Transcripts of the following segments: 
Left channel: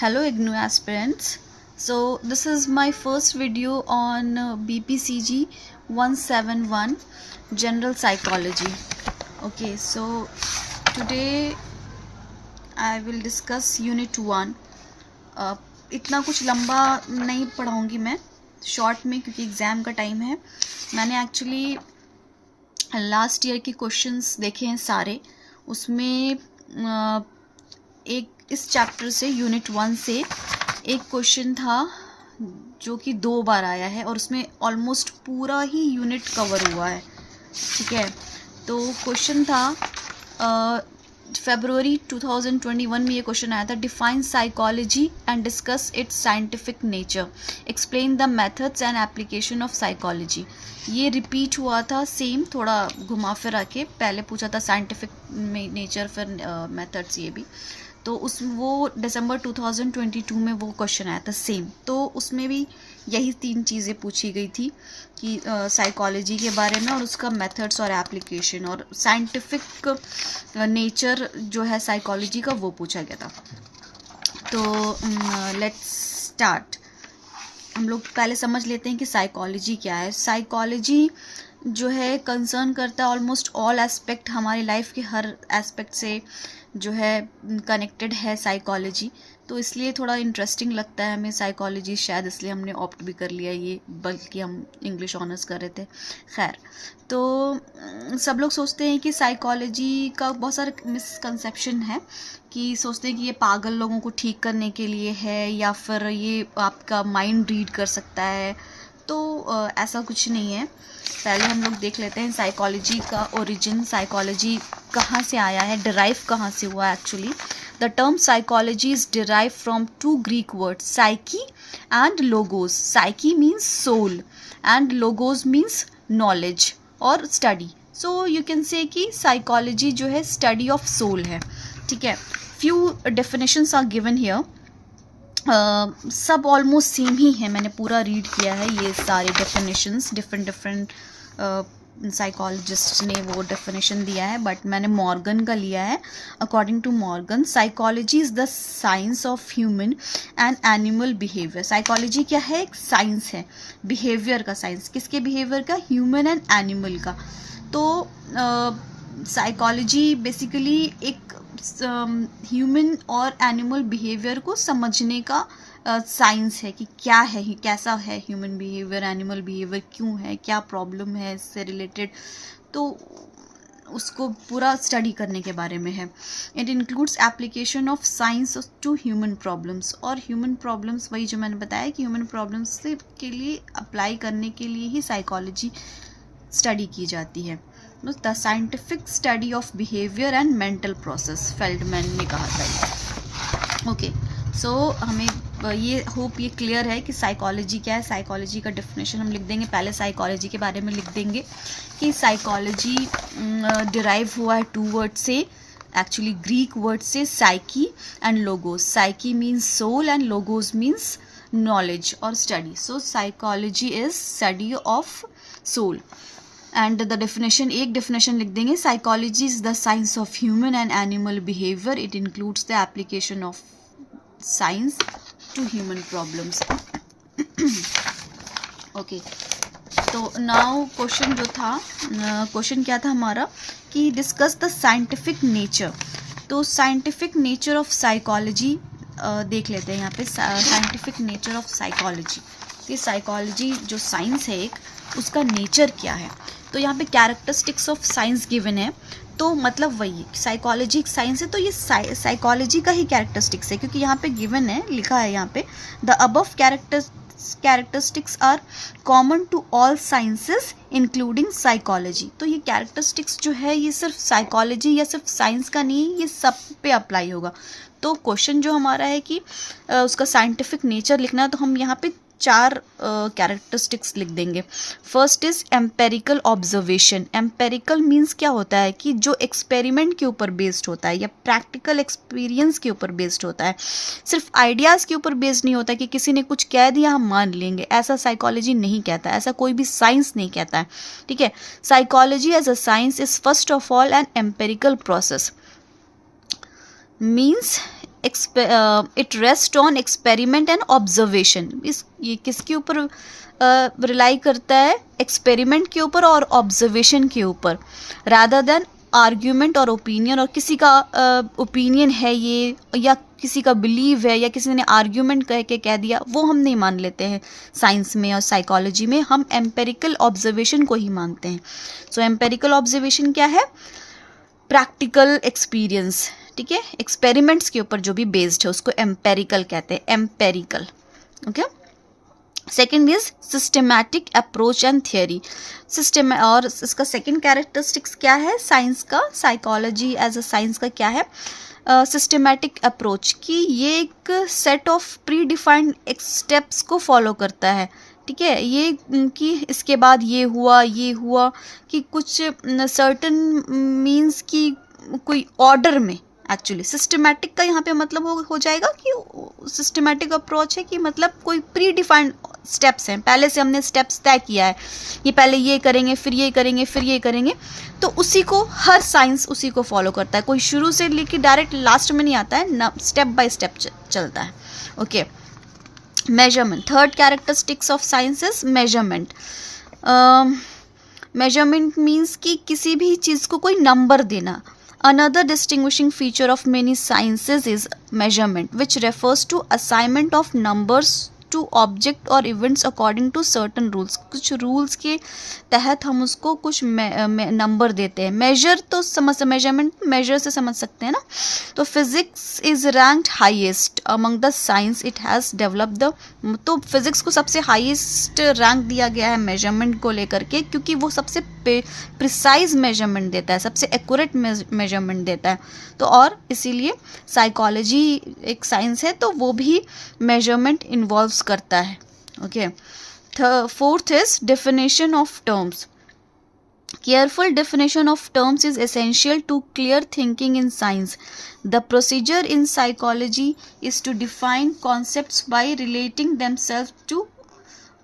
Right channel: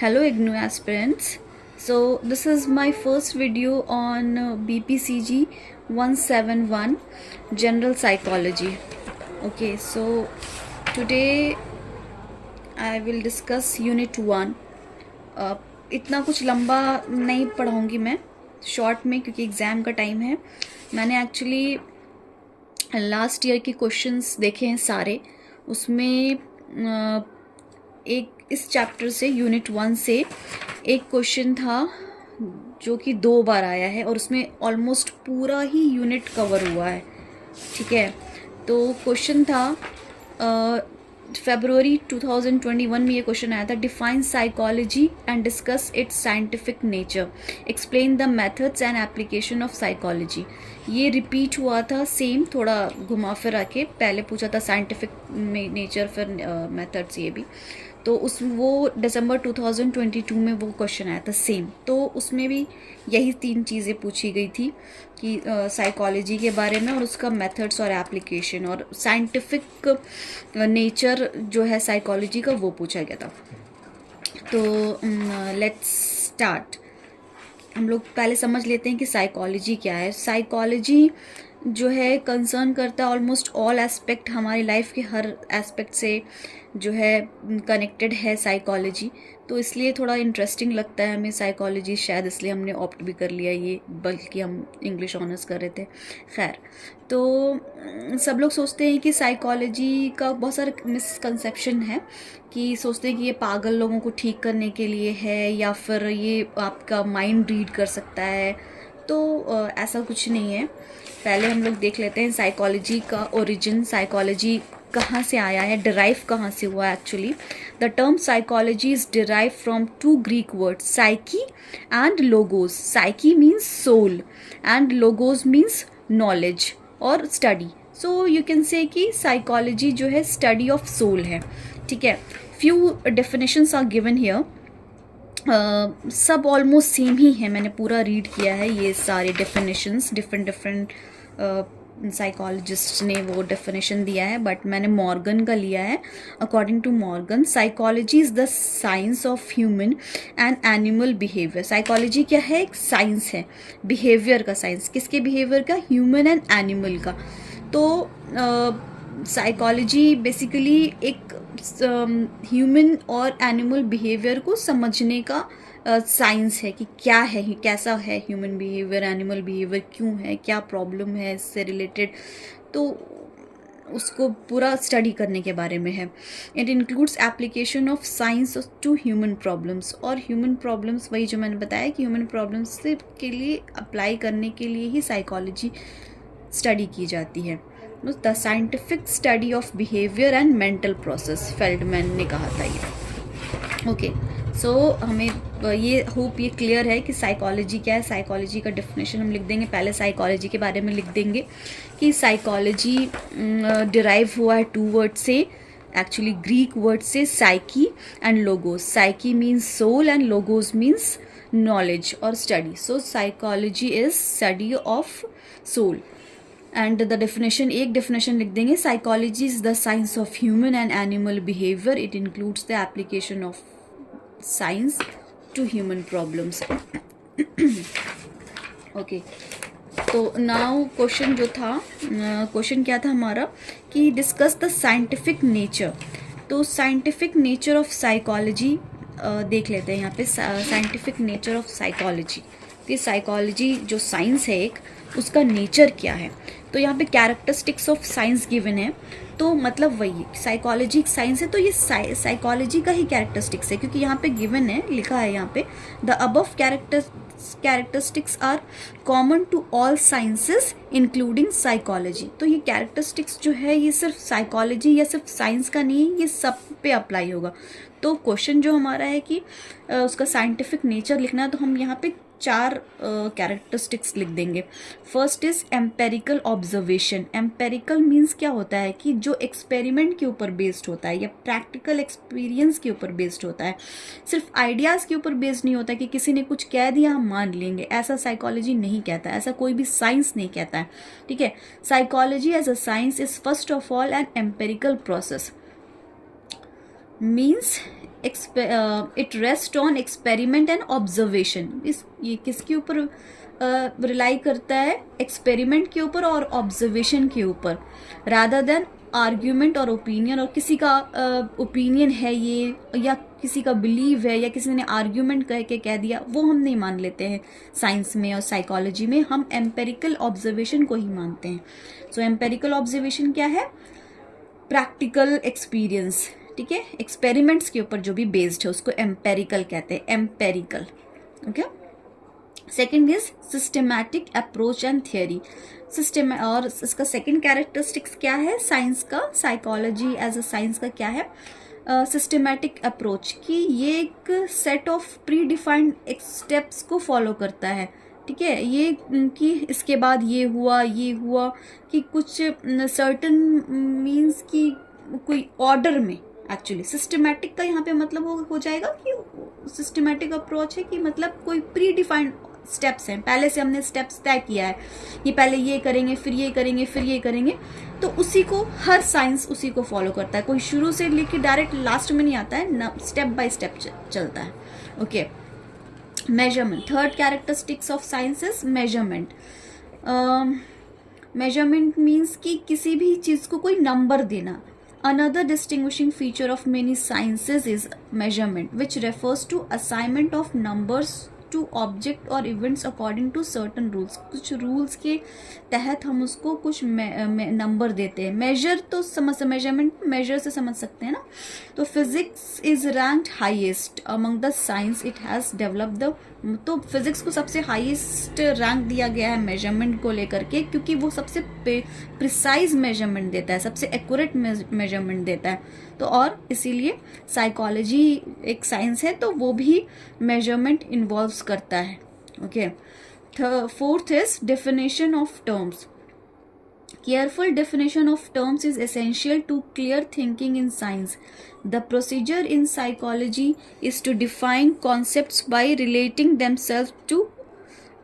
Hello IGNOU aspirants. So this is my first video on BPCG 171 General Psychology. Okay, so today I will discuss Unit 1. इतना कुछ लंबा नहीं पढ़ाऊँगी मैं, short में, क्योंकि एग्ज़ाम का टाइम है. मैंने एक्चुअली लास्ट ईयर के क्वेश्चंस देखे हैं सारे. उसमें एक इस चैप्टर से यूनिट 1 से एक क्वेश्चन था जो कि 2 बार आया है और उसमें ऑलमोस्ट पूरा ही यूनिट कवर हुआ है. ठीक है, तो क्वेश्चन था फरवरी 2021 में ये क्वेश्चन आया था. Define psychology and discuss it's scientific nature, explain the methods and application of psychology. ये रिपीट हुआ था सेम, थोड़ा घुमा फिरा के. पहले पूछा था साइंटिफिक नेचर, फिर मेथड्स. ये भी तो वो दिसंबर 2022 में वो क्वेश्चन आया था सेम. तो उसमें भी यही 3 चीज़ें पूछी गई थी कि साइकोलॉजी के बारे में और उसका मेथड्स और एप्लीकेशन और साइंटिफिक नेचर जो है साइकोलॉजी का वो पूछा गया था. तो लेट्स स्टार्ट. हम लोग पहले समझ लेते हैं कि साइकोलॉजी क्या है. साइकोलॉजी जो है कंसर्न करता है ऑलमोस्ट ऑल एस्पेक्ट, हमारी लाइफ के हर एस्पेक्ट से जो है कनेक्टेड है साइकोलॉजी. तो इसलिए थोड़ा इंटरेस्टिंग लगता है हमें साइकोलॉजी, शायद इसलिए हमने ऑप्ट भी कर लिया ये, बल्कि हम इंग्लिश ऑनर्स कर रहे थे. खैर, तो सब लोग सोचते हैं कि साइकोलॉजी का बहुत सारे मिसकंसेप्शन है, कि सोचते हैं कि ये पागल लोगों को ठीक करने के लिए है या फिर ये आपका माइंड रीड कर सकता है. तो ऐसा कुछ नहीं है. पहले हम लोग देख लेते हैं साइकोलॉजी का ओरिजिन, साइकोलॉजी कहाँ से आया है, डिराइव कहाँ से हुआ है. Actually the term psychology is derive from 2 Greek words, psyche and logos. Psyche means soul and logos means knowledge और study. So you can say कि साइकोलॉजी जो है स्टडी ऑफ सोल है. ठीक है, few definitions are given here. सब almost same ही है, मैंने पूरा रीड किया है ये सारे डेफिनेशंस. डिफरेंट साइकोलॉजिस्ट ने वो डेफिनेशन दिया है, बट मैंने मॉर्गन का लिया है. According to Morgan, psychology is the science of human and animal behaviour. Psychology क्या है? एक साइंस है, बिहेवियर का साइंस. किसके बिहेवियर का? ह्यूमन एंड एनिमल का. तो साइकोलॉजी बेसिकली एक ह्यूमन और एनिमल बिहेवियर को समझने का साइंस है कि क्या है, कैसा है ह्यूमन बिहेवियर, एनिमल बिहेवियर क्यों है, क्या प्रॉब्लम है इससे रिलेटेड. तो उसको पूरा स्टडी करने के बारे में है. It includes application of science to human problems. और ह्यूमन प्रॉब्लम्स वही जो मैंने बताया कि ह्यूमन प्रॉब्लम्स के लिए अप्लाई करने के लिए ही साइकोलॉजी स्टडी की जाती है. The scientific study of behaviour and mental process, Feldman ने कहा था ये. ओके, सो हमें ये होप ये क्लियर है कि साइकोलॉजी क्या है. साइकोलॉजी का डेफिनेशन हम लिख देंगे. पहले साइकोलॉजी के बारे में लिख देंगे कि साइकोलॉजी डिराइव हुआ है 2 वर्ड से, एक्चुअली ग्रीक वर्ड से, psyche and logos. Psyche means soul and logos means knowledge और study. So psychology is study of soul. And the definition, एक डेफिनेशन लिख देंगे. Psychology is the science of human and animal behaviour. It includes the application of science to human problems. Okay, तो now question जो था, question क्या था हमारा कि डिस्कस द साइंटिफिक नेचर. तो साइंटिफिक नेचर ऑफ साइकोलॉजी देख लेते हैं यहाँ पे. साइंटिफिक नेचर ऑफ साइकोलॉजी, तो साइकोलॉजी जो साइंस है एक, उसका नेचर क्या है. तो यहाँ पे कैरेक्टरिस्टिक्स ऑफ साइंस गिवन है. तो मतलब वही साइकोलॉजी एक साइंस है, तो ये साइकोलॉजी का ही कैरेक्टरिस्टिक्स है, क्योंकि यहाँ पे गिवन है, लिखा है यहाँ पे, the above characteristics are common to all sciences including psychology. तो ये कैरेक्टरिस्टिक्स जो है ये सिर्फ साइकोलॉजी या सिर्फ साइंस का नहीं है, ये सब पे अप्लाई होगा. तो क्वेश्चन जो हमारा है कि उसका साइंटिफिक नेचर लिखना है, तो हम यहाँ पे 4 कैरेक्टरिस्टिक्स लिख देंगे. First is empirical observation. Empirical means क्या होता है कि जो एक्सपेरिमेंट के ऊपर बेस्ड होता है या प्रैक्टिकल एक्सपीरियंस के ऊपर बेस्ड होता है. सिर्फ आइडियाज़ के ऊपर बेस्ड नहीं होता कि किसी ने कुछ कह दिया हम मान लेंगे, ऐसा साइकोलॉजी नहीं कहता, ऐसा कोई भी साइंस नहीं कहता है. ठीक है, psychology as a science is first of all an empirical process. Means it rest on experiment and observation. ये किसके ऊपर रिलाई करता है? एक्सपेरिमेंट के ऊपर और ऑब्जर्वेशन के ऊपर, रादर देन आर्ग्यूमेंट और ओपिनियन। और किसी का ओपिनियन है ये, या किसी का बिलीव है, या किसी ने आर्ग्यूमेंट कह के कह दिया, वो हम नहीं मान लेते हैं साइंस में और साइकोलॉजी में। हम एम्पेरिकल ऑब्जर्वेशन को ही मानते हैं। सो एम्पेरिकल ऑब्जर्वेशन क्या है? प्रैक्टिकल एक्सपीरियंस, ठीक है, एक्सपेरिमेंट्स के ऊपर जो भी बेस्ड है उसको एम्पेरिकल कहते हैं, empirical. Okay, second is systematic approach and theory. System, और इसका सेकेंड कैरेक्टरिस्टिक्स क्या है साइंस का, साइकोलॉजी एज अ साइंस का क्या है? सिस्टमैटिक अप्रोच, कि ये एक set of pre defined steps को फॉलो करता है, ठीक है। ये कि इसके बाद ये हुआ, कि कुछ सर्टन मीन्स कि कोई ऑर्डर में। एक्चुअली सिस्टमैटिक का यहाँ पे मतलब हो जाएगा कि सिस्टमैटिक अप्रोच है कि मतलब कोई प्री डिफाइंड स्टेप्स हैं, पहले से हमने स्टेप्स तय किया है, ये पहले ये करेंगे, फिर ये करेंगे, फिर ये करेंगे। तो उसी को हर साइंस उसी को फॉलो करता है, कोई शुरू से लेके डायरेक्ट लास्ट में नहीं आता है ना, स्टेप बाय स्टेप चलता है। Okay, measurement, third characteristics of science is measurement. Measurement means कि किसी भी चीज़ को कोई नंबर देना। Another distinguishing feature of many sciences is measurement, which refers to assignment of numbers to object or events according to certain rules. कुछ rules के तहत हम उसको कुछ नंबर देते हैं। मेजर तो मेजरमेंट मेजर से समझ सकते हैं ना। तो physics is ranked highest among the science it has develop the, तो फिजिक्स को सबसे हाईएस्ट रैंक दिया गया है मेजरमेंट को लेकर के, क्योंकि वो सबसे प्रिसाइज मेजरमेंट देता है, सबसे एक्यूरेट मेजरमेंट देता है। तो और इसीलिए साइकोलॉजी एक साइंस है तो वो भी मेजरमेंट इन्वॉल्व्स करता है। Okay, fourth is definition of terms. Careful definition of terms is essential to clear thinking in science. The procedure in psychology is to define concepts by relating themselves to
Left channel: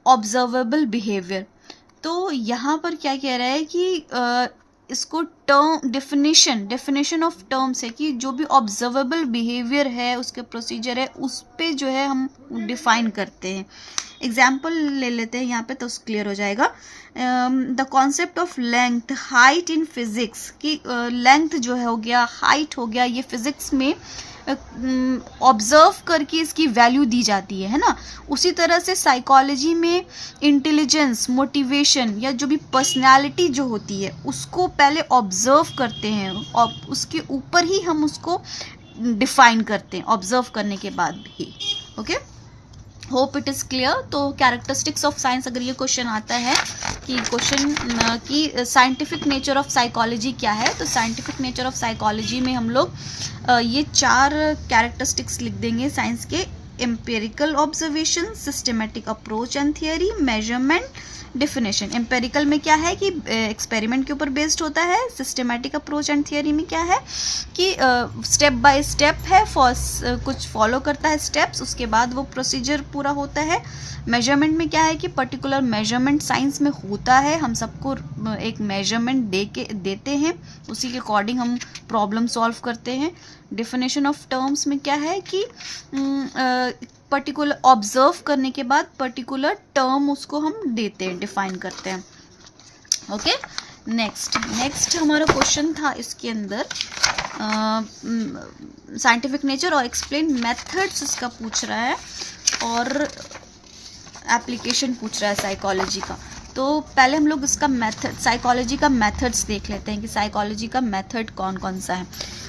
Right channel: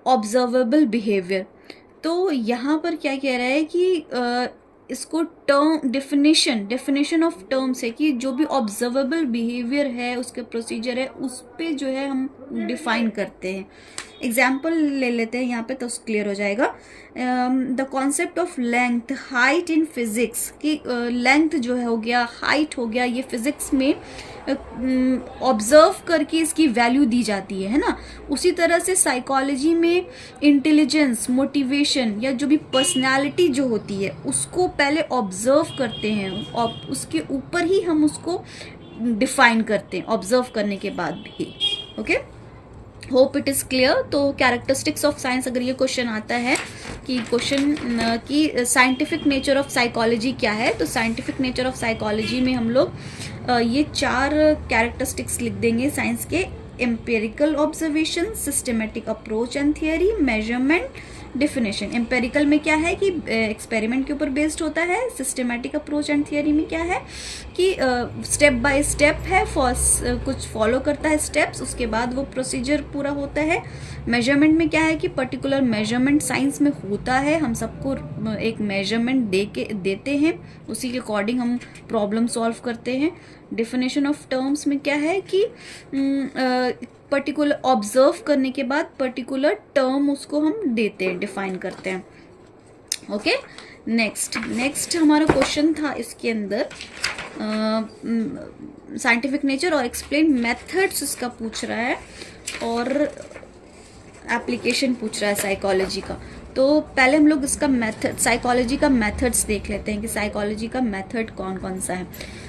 observable behavior. तो यहाँ पर क्या कह रहा है कि इसको term definition of terms है कि जो भी ऑब्जर्वेबल बिहेवियर है, उसके प्रोसीजर है, उस पे जो है हम डिफाइन करते हैं। एग्जाम्पल ले लेते हैं यहाँ पे तो क्लियर हो जाएगा। The concept of length, height in physics, कि लेंथ जो है हो गया, हाइट हो गया, ये फिजिक्स में ऑब्जर्व करके इसकी वैल्यू दी जाती है ना। उसी तरह से साइकोलॉजी में इंटेलिजेंस, मोटिवेशन या जो भी पर्सनालिटी जो होती है उसको पहले ऑब्जर्व करते हैं और उसके ऊपर ही हम उसको डिफाइन करते हैं, ऑब्जर्व करने के बाद भी। Okay, hope it is clear. तो कैरेक्टरिस्टिक्स ऑफ साइंस, अगर ये क्वेश्चन आता है कि कि साइंटिफिक नेचर ऑफ साइकोलॉजी क्या है, तो साइंटिफिक नेचर ऑफ साइकोलॉजी में हम लोग ये 4 कैरेक्टरिस्टिक्स लिख देंगे साइंस के: empirical observation, systematic approach and theory, measurement, definition. Empirical में क्या है कि एक्सपेरिमेंट के ऊपर बेस्ड होता है। सिस्टमेटिक अप्रोच एंड थियरी में क्या है कि स्टेप बाय स्टेप है, कुछ फॉलो करता है स्टेप्स, उसके बाद वो प्रोसीजर पूरा होता है। मेजरमेंट में क्या है कि पर्टिकुलर मेजरमेंट साइंस में होता है, हम सबको एक मेजरमेंट देते हैं, उसी के अकॉर्डिंग हम प्रॉब्लम सॉल्व करते हैं। डिफिनेशन ऑफ टर्म्स में क्या है कि पर्टिकुलर ऑब्जर्व करने के बाद पर्टिकुलर टर्म उसको हम देते हैं, डिफाइन करते हैं। ओके, नेक्स्ट हमारा क्वेश्चन था इसके अंदर साइंटिफिक नेचर और एक्सप्लेन मेथड्स इसका पूछ रहा है, और एप्लीकेशन पूछ रहा है साइकोलॉजी का। तो पहले हम लोग इसका मेथड, साइकोलॉजी का मेथड्स देख लेते हैं कि साइकोलॉजी का मेथड कौन कौन सा है।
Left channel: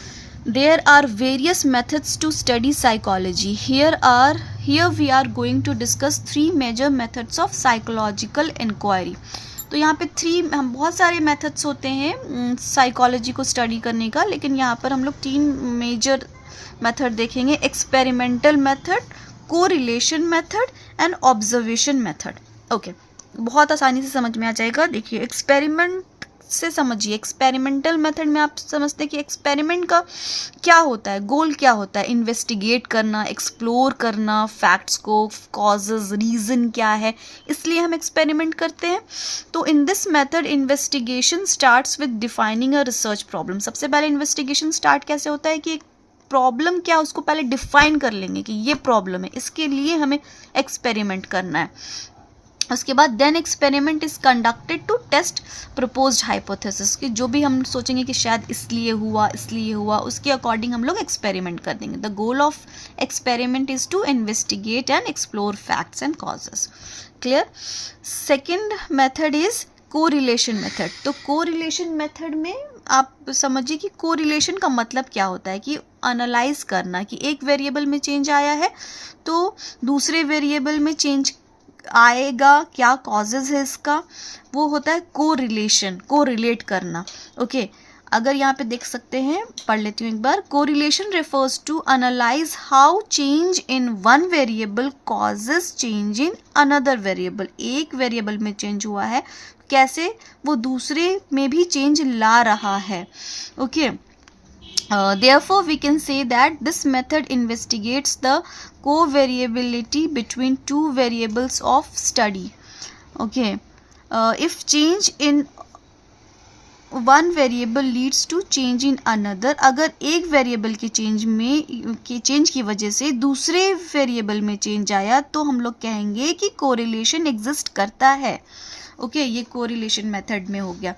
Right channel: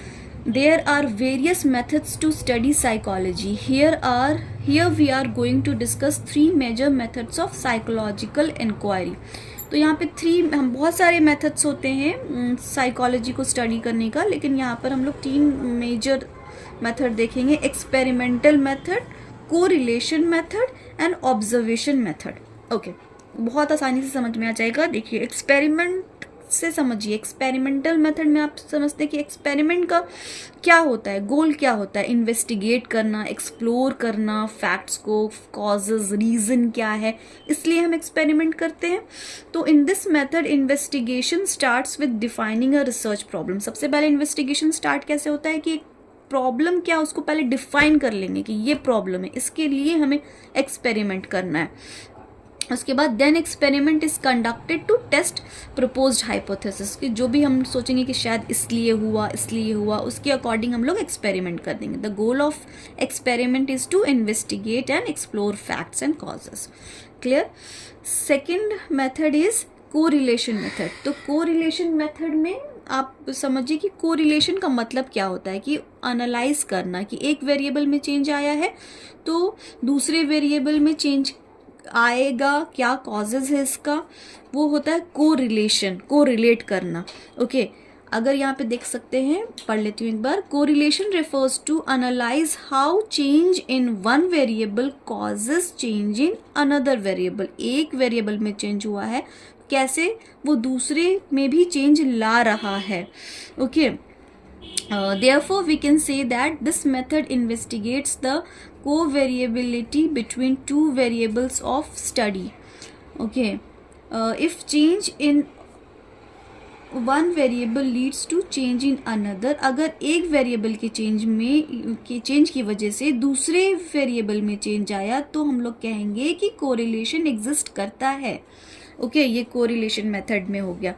There are various methods to study psychology. Here we are going to discuss 3 major methods of psychological inquiry. तो यहाँ पे बहुत सारे मेथड्स होते हैं साइकोलॉजी को स्टडी करने का, लेकिन यहाँ पर हम लोग 3 मेजर मेथड देखेंगे: experimental method, correlation method and observation method. Okay, बहुत आसानी से समझ में आ जाएगा। देखिए, एक्सपेरिमेंट से समझिए। एक्सपेरिमेंटल मेथड में आप समझते हैं कि एक्सपेरिमेंट का क्या होता है, गोल क्या होता है? इन्वेस्टिगेट करना, एक्सप्लोर करना फैक्ट्स को, कॉजेज, रीज़न क्या है, इसलिए हम एक्सपेरिमेंट करते हैं। तो in this method investigation starts with defining a research problem. सबसे पहले इन्वेस्टिगेशन स्टार्ट कैसे होता है कि प्रॉब्लम क्या उसको पहले डिफाइन कर लेंगे कि ये प्रॉब्लम है, इसके लिए हमें एक्सपेरिमेंट करना है। उसके बाद then experiment is conducted to test proposed hypothesis, कि जो भी हम सोचेंगे कि शायद इसलिए हुआ उसके अकॉर्डिंग हम लोग एक्सपेरिमेंट कर देंगे। The goal of experiment is to investigate and explore facts and causes. Clear. Second method is correlation method. तो कोरिलेशन मेथड में आप समझिए कि कोरिलेशन का मतलब क्या होता है, कि एनालाइज करना कि एक वेरिएबल में चेंज आया है तो दूसरे वेरिएबल में चेंज आएगा, क्या कॉजेज है इसका, वो होता है कोरिलेशन, कोरिलेट करना। ओके, अगर यहाँ पे देख सकते हैं, पढ़ लेती हूँ एक बार। Correlation refers to analyse how change in one variable causes change in another variable. एक वेरिएबल में चेंज हुआ है, कैसे वो दूसरे में भी चेंज ला रहा है। Okay, therefore we can say that this method investigates the covariability between two variables of study. Okay, if change in one variable leads to change in another, अगर एक वेरिएबल के चेंज की वजह से दूसरे वेरिएबल में चेंज आया तो हम लोग कहेंगे कि कोरिलेशन एग्जिस्ट करता है। ओके, ये कोरिलेशन मेथड में हो गया।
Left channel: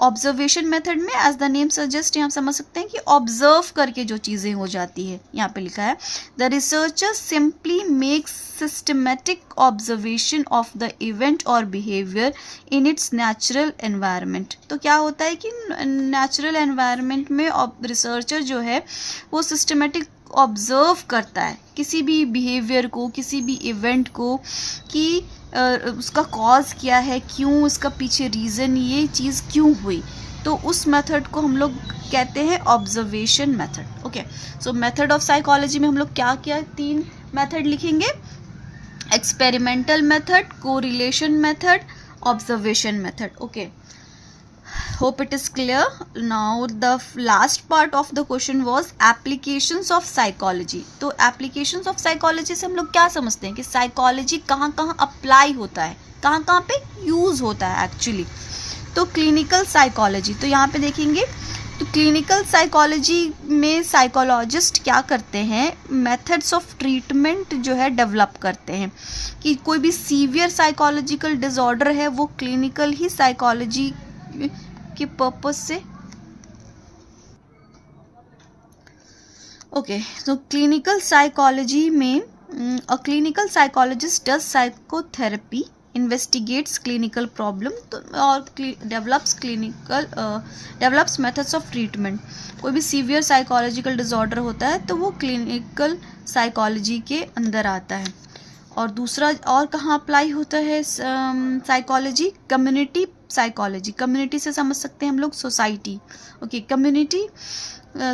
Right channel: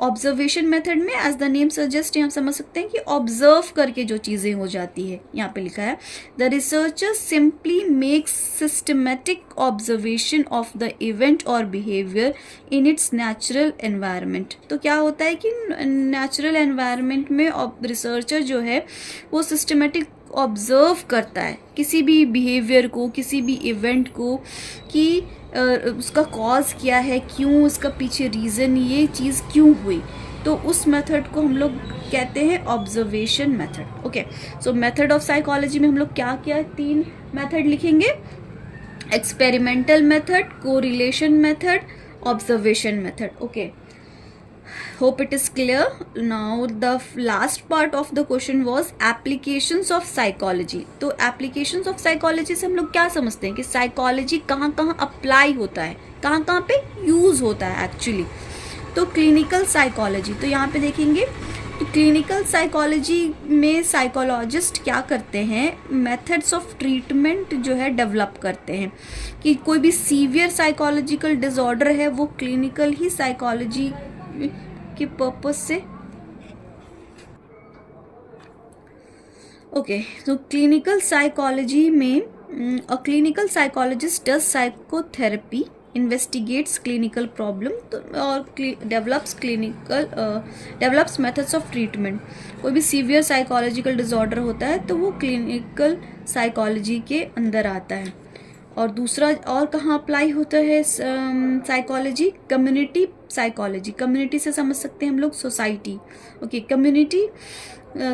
ऑब्जर्वेशन मेथड में एज द नेम सजेस्ट यहाँ समझ सकते हैं कि ऑब्जर्व करके जो चीज़ें हो जाती है। यहाँ पे लिखा है the researcher simply makes systematic observation of the event और behaviour in its natural environment. तो क्या होता है कि नेचुरल एनवायरनमेंट में रिसर्चर जो है वो सिस्टमेटिक ऑब्जर्व करता है किसी भी बिहेवियर को, किसी भी इवेंट को, कि उसका कॉज क्या है, क्यों, उसका पीछे रीज़न, ये चीज़ क्यों हुई। तो उस मेथड को हम लोग कहते हैं observation method. Okay, so method of psychology में हम लोग क्या किया है, 3 मेथड लिखेंगे। Experimental method, correlation method, observation method. Okay, hope it is clear. Now the last part of the question was applications of psychology. तो applications of psychology से हम लोग क्या समझते हैं कि साइकोलॉजी कहाँ कहाँ अप्लाई होता है, कहाँ कहाँ पे यूज़ होता है एक्चुअली। तो क्लिनिकल साइकोलॉजी, तो यहाँ पे देखेंगे तो क्लिनिकल साइकोलॉजी में साइकोलॉजिस्ट क्या करते हैं, मेथड्स ऑफ ट्रीटमेंट जो है डेवलप करते हैं, कि कोई भी सीवियर साइकोलॉजिकल डिसऑर्डर है वो क्लिनिकल ही साइकोलॉजी के पर्पस से। ओके, तो क्लिनिकल साइकोलॉजी में a clinical psychologist does psychotherapy, investigates clinical problem और डेवलप्स मेथड्स ऑफ ट्रीटमेंट। कोई भी सीवियर साइकोलॉजिकल डिसऑर्डर होता है तो वो क्लिनिकल साइकोलॉजी के अंदर आता है। और दूसरा और कहाँ अप्लाई होता है साइकोलॉजी, कम्युनिटी साइकोलॉजी। कम्युनिटी से समझ सकते हैं हम लोग society. Okay, community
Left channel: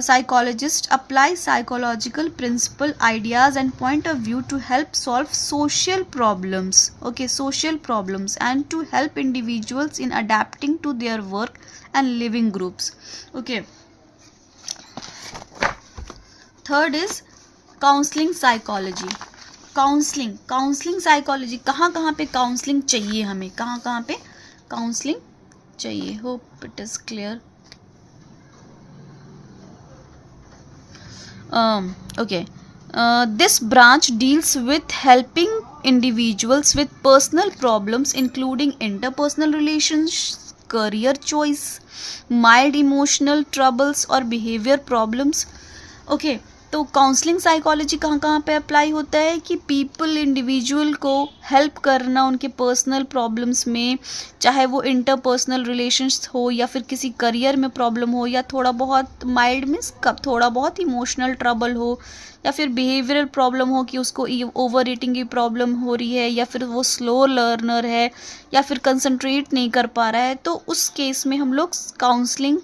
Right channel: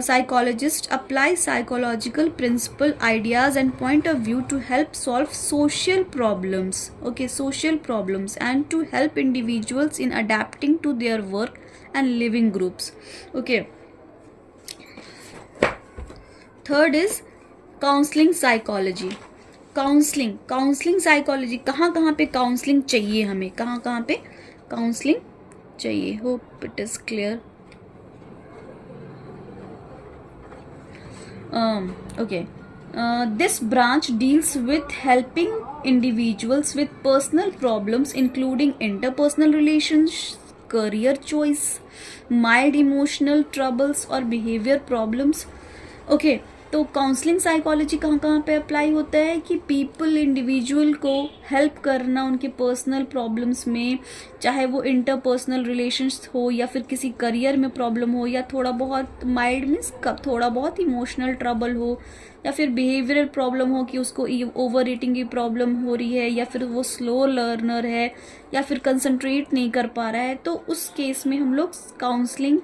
psychologists apply psychological principle, ideas and point of view to help solve social problems. Okay, social problems and to help individuals in adapting to their work and living groups. Okay, third is counseling psychology. Counselling psychology, कहाँ कहाँ पे counselling चाहिए हमें, कहाँ कहाँ पे counselling चाहिए। Hope it is clear. Okay, this branch deals with helping individuals with personal problems including interpersonal relations, career choice, mild emotional troubles और behavior problems. Okay, तो काउंसलिंग साइकोलॉजी कहाँ कहाँ पे अप्लाई होता है कि पीपल, इंडिविजुअल को हेल्प करना उनके पर्सनल प्रॉब्लम्स में, चाहे वो इंटरपर्सनल रिलेशंस हो या फिर किसी करियर में प्रॉब्लम हो या थोड़ा बहुत माइल्ड मीन्स थोड़ा बहुत इमोशनल ट्रबल हो या फिर बिहेवियरल प्रॉब्लम हो कि उसको ओवर ईटिंग की प्रॉब्लम हो रही है या फिर वो स्लो लर्नर है या फिर कंसंट्रेट नहीं कर पा रहा है, तो उस केस में हम लोग काउंसलिंग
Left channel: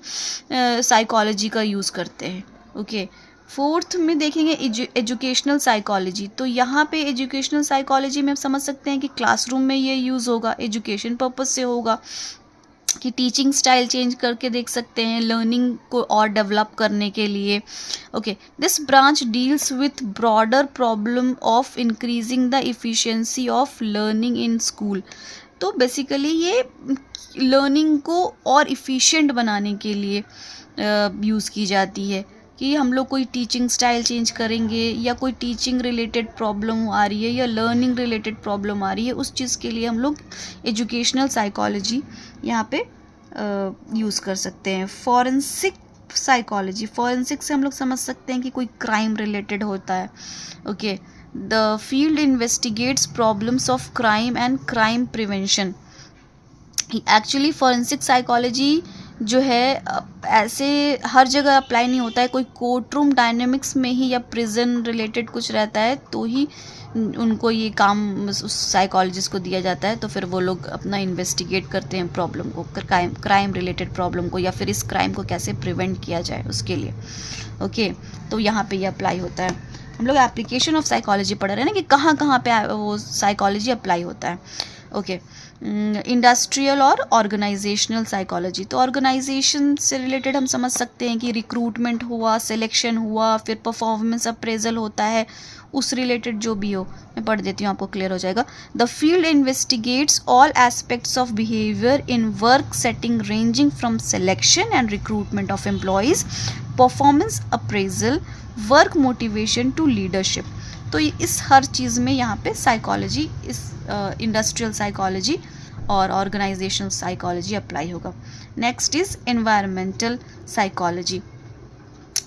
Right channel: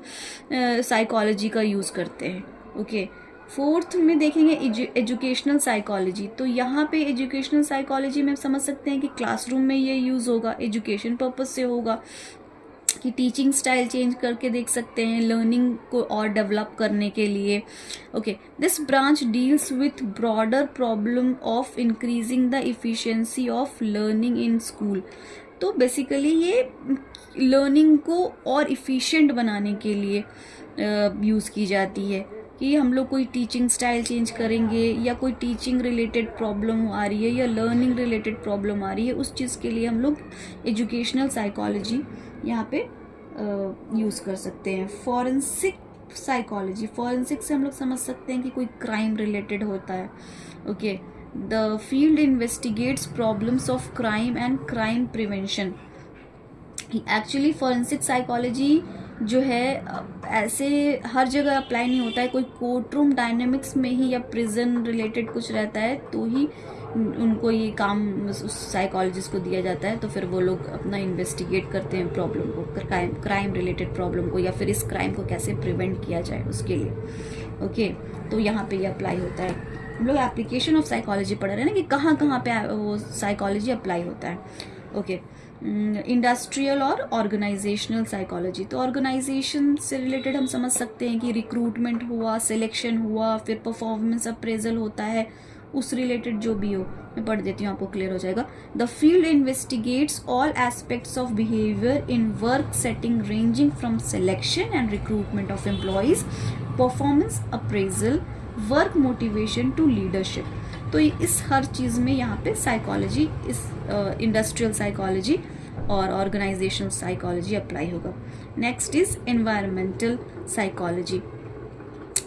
साइकोलॉजी का यूज़ करते हैं। ओके, फोर्थ में देखेंगे एजुकेशनल साइकोलॉजी। तो यहाँ पे एजुकेशनल साइकोलॉजी में हम समझ सकते हैं कि क्लासरूम में ये यूज़ होगा, एजुकेशन पर्पस से होगा, कि टीचिंग स्टाइल चेंज करके देख सकते हैं लर्निंग को और डेवलप करने के लिए। Okay, this branch deals with broader problem of increasing the efficiency of learning in school. तो बेसिकली ये लर्निंग को और इफ़िशिएंट बनाने के लिए यूज़ की जाती है। कि हम लोग कोई टीचिंग स्टाइल चेंज करेंगे या कोई टीचिंग रिलेटेड प्रॉब्लम आ रही है या लर्निंग रिलेटेड प्रॉब्लम आ रही है, उस चीज़ के लिए हम लोग एजुकेशनल साइकोलॉजी यहाँ पे यूज़ कर सकते हैं. फॉरेंसिक साइकोलॉजी, फॉरेंसिक से हम लोग समझ सकते हैं कि कोई क्राइम रिलेटेड होता है. Okay, the field investigates problems of crime and crime prevention. Actually forensic psychology जो है ऐसे हर जगह अप्लाई नहीं होता है. कोई कोर्ट रूम डायनेमिक्स में ही या प्रिजन रिलेटेड कुछ रहता है तो ही उनको ये काम उस साइकोलॉजिस्ट को दिया जाता है. तो फिर वो लोग अपना इन्वेस्टिगेट करते हैं प्रॉब्लम को, क्राइम रिलेटेड प्रॉब्लम को, या फिर इस क्राइम को कैसे प्रिवेंट किया जाए उसके लिए. ओके, तो यहाँ पे ये अप्लाई होता है. हम लोग एप्लीकेशन ऑफ साइकोलॉजी पढ़ रहे हैं ना कि कहाँ कहाँ पे वो साइकोलॉजी अप्लाई होता है. ओके, इंडस्ट्रियल और ऑर्गेनाइजेशनल साइकोलॉजी. तो ऑर्गेनाइजेशन से रिलेटेड हम समझ सकते हैं कि रिक्रूटमेंट हुआ, सिलेक्शन हुआ, फिर परफॉर्मेंस अप्रेजल होता है, उस रिलेटेड जो भी हो. मैं पढ़ देती हूँ, आपको क्लियर हो जाएगा. The field investigates all aspects of behaviour in work setting ranging from selection and recruitment of employees, performance appraisal, work motivation to leadership. तो इस हर चीज़ में यहाँ पे साइकोलॉजी, इस इंडस्ट्रियल साइकोलॉजी और ऑर्गेनाइजेशनल साइकोलॉजी अप्लाई होगा. Next is environmental psychology.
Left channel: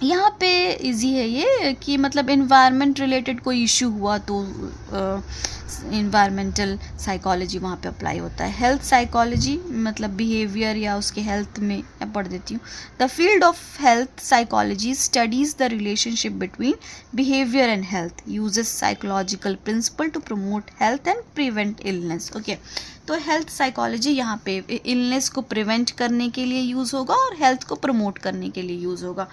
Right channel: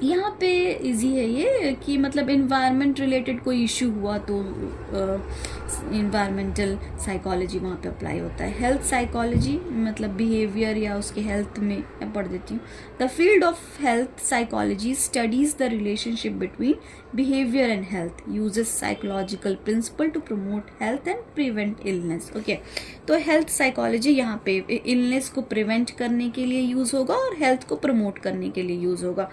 यहाँ पे इजी है ये कि मतलब एनवायरनमेंट रिलेटेड कोई इशू हुआ तो एनवायरमेंटल साइकोलॉजी वहाँ पे अप्लाई होता है. हेल्थ साइकोलॉजी मतलब बिहेवियर या उसके हेल्थ में, मैं पढ़ देती हूँ. The field of health psychology studies the relationship between behaviour and health, uses psychological principle to promote health and prevent illness. Okay, तो हेल्थ साइकोलॉजी यहाँ पे इलनेस को प्रिवेंट करने के लिए यूज़ होगा और हेल्थ को प्रमोट करने के लिए यूज़ होगा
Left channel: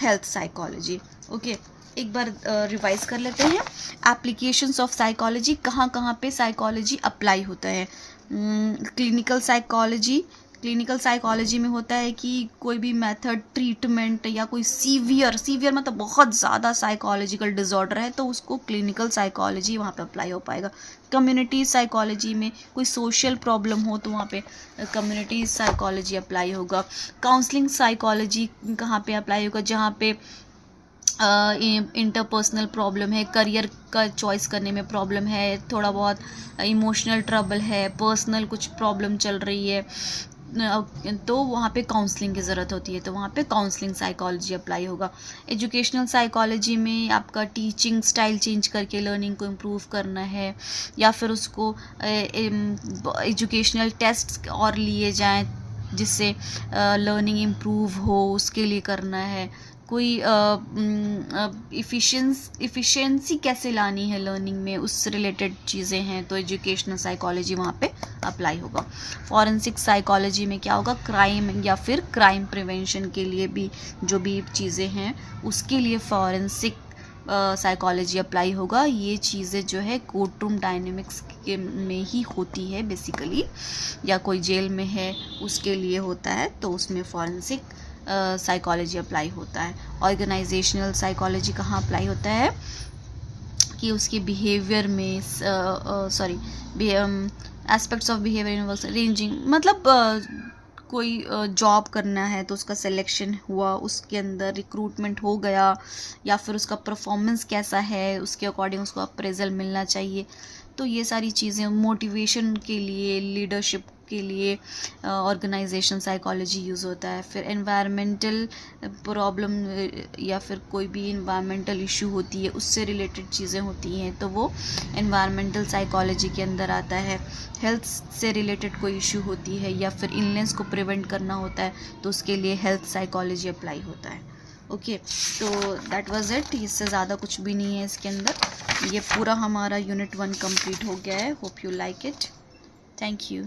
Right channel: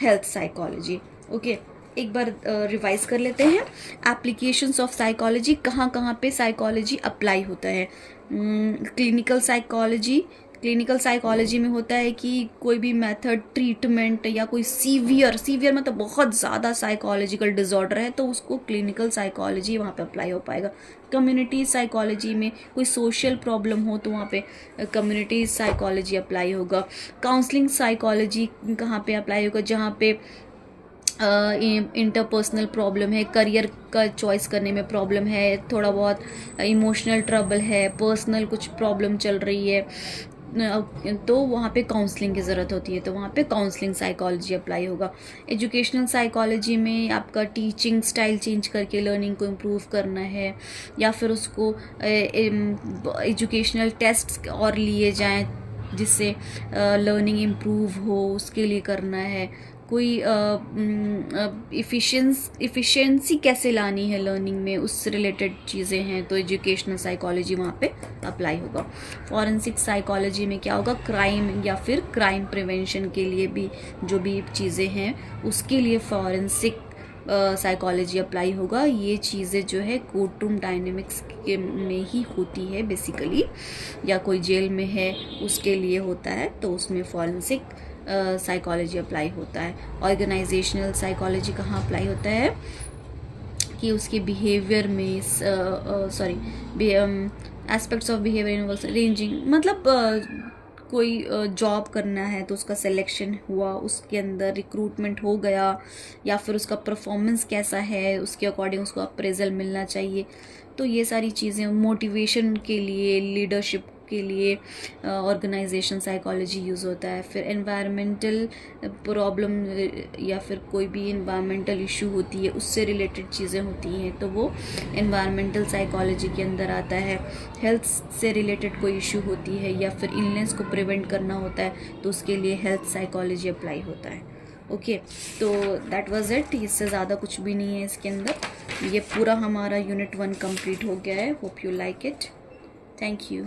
हेल्थ साइकोलॉजी. ओके, एक बार रिवाइज कर लेते हैं. एप्लीकेशंस ऑफ साइकोलॉजी, कहाँ कहाँ पे साइकोलॉजी अप्लाई होता है. क्लिनिकल साइकोलॉजी, क्लिनिकल साइकोलॉजी में होता है कि कोई भी मेथड, ट्रीटमेंट या कोई सीवियर मतलब बहुत ज़्यादा साइकोलॉजिकल डिसऑर्डर है तो उसको क्लिनिकल साइकोलॉजी वहाँ पे अप्लाई हो पाएगा. कम्युनिटी साइकोलॉजी में कोई सोशल प्रॉब्लम हो तो वहाँ पे कम्युनिटी साइकोलॉजी अप्लाई होगा. काउंसलिंग साइकोलॉजी कहाँ पे अप्लाई होगा, जहाँ पे इंटरपर्सनल प्रॉब्लम है, करियर का चॉइस करने में प्रॉब्लम है, थोड़ा बहुत इमोशनल ट्रबल है, पर्सनल कुछ प्रॉब्लम चल रही है, तो वहाँ पे काउंसलिंग की ज़रूरत होती है, तो वहाँ पे काउंसलिंग साइकोलॉजी अप्लाई होगा. एजुकेशनल साइकोलॉजी में आपका टीचिंग स्टाइल चेंज करके लर्निंग को इम्प्रूव करना है, या फिर उसको एजुकेशनल टेस्ट और लिए जाएं जिससे लर्निंग इम्प्रूव हो, उसके लिए करना है. कोई इफ़िशेंसी कैसे लानी है लर्निंग में, उससे रिलेटेड चीज़ें हैं तो एजुकेशनल साइकोलॉजी वहाँ पे अप्लाई होगा. फॉरेंसिक साइकोलॉजी में क्या होगा, क्राइम या फिर क्राइम प्रिवेंशन के लिए भी जो भी चीज़ें हैं उसके लिए फॉरेंसिक साइकोलॉजी अप्लाई होगा. ये चीज़ें जो है कोर्ट रूम डायनेमिक्स में ही होती है बेसिकली, या कोई जेल में है उसके लिए होता है तो उसमें फॉरेंसिक साइकोलॉजी अप्लाई होता है. ऑर्गेनाइजेशनल साइकोलॉजी कहाँ अप्लाई होता है कि उसके बिहेवियर में एस्पेक्ट्स ऑफ बिहेवियर रेंजिंग, मतलब कोई जॉब करना है तो उसका सिलेक्शन हुआ, उसके अंदर रिक्रूटमेंट हो गया, या फिर उसका परफॉर्मेंस कैसा है उसके अकॉर्डिंग उसको अप्रेजल मिलना चाहिए. तो ये सारी चीज़ें मोटिवेशन के लिए, लीडरशिप के लिए ऑर्गेनाइजेशन साइकोलॉजी यूज़ होता है. फिर एनवायरमेंटल प्रॉब्लम या फिर कोई भी एनवायरमेंटल इशू होती है उससे रिलेटेड चीज़ें होती हैं तो वो एनवायरमेंटल साइकोलॉजी के अंदर आता है. हेल्थ से रिलेटेड कोई इशू होती है या फिर इलनेस को प्रिवेंट करना होता है तो उसके लिए हेल्थ साइकोलॉजी अप्लाई होता है. ओके, तो दैट वाज इट. इससे ज़्यादा कुछ भी नहीं है इसके अंदर. ये पूरा हमारा यूनिट 1 कंप्लीट हो गया है. Hope you like it. Thank you.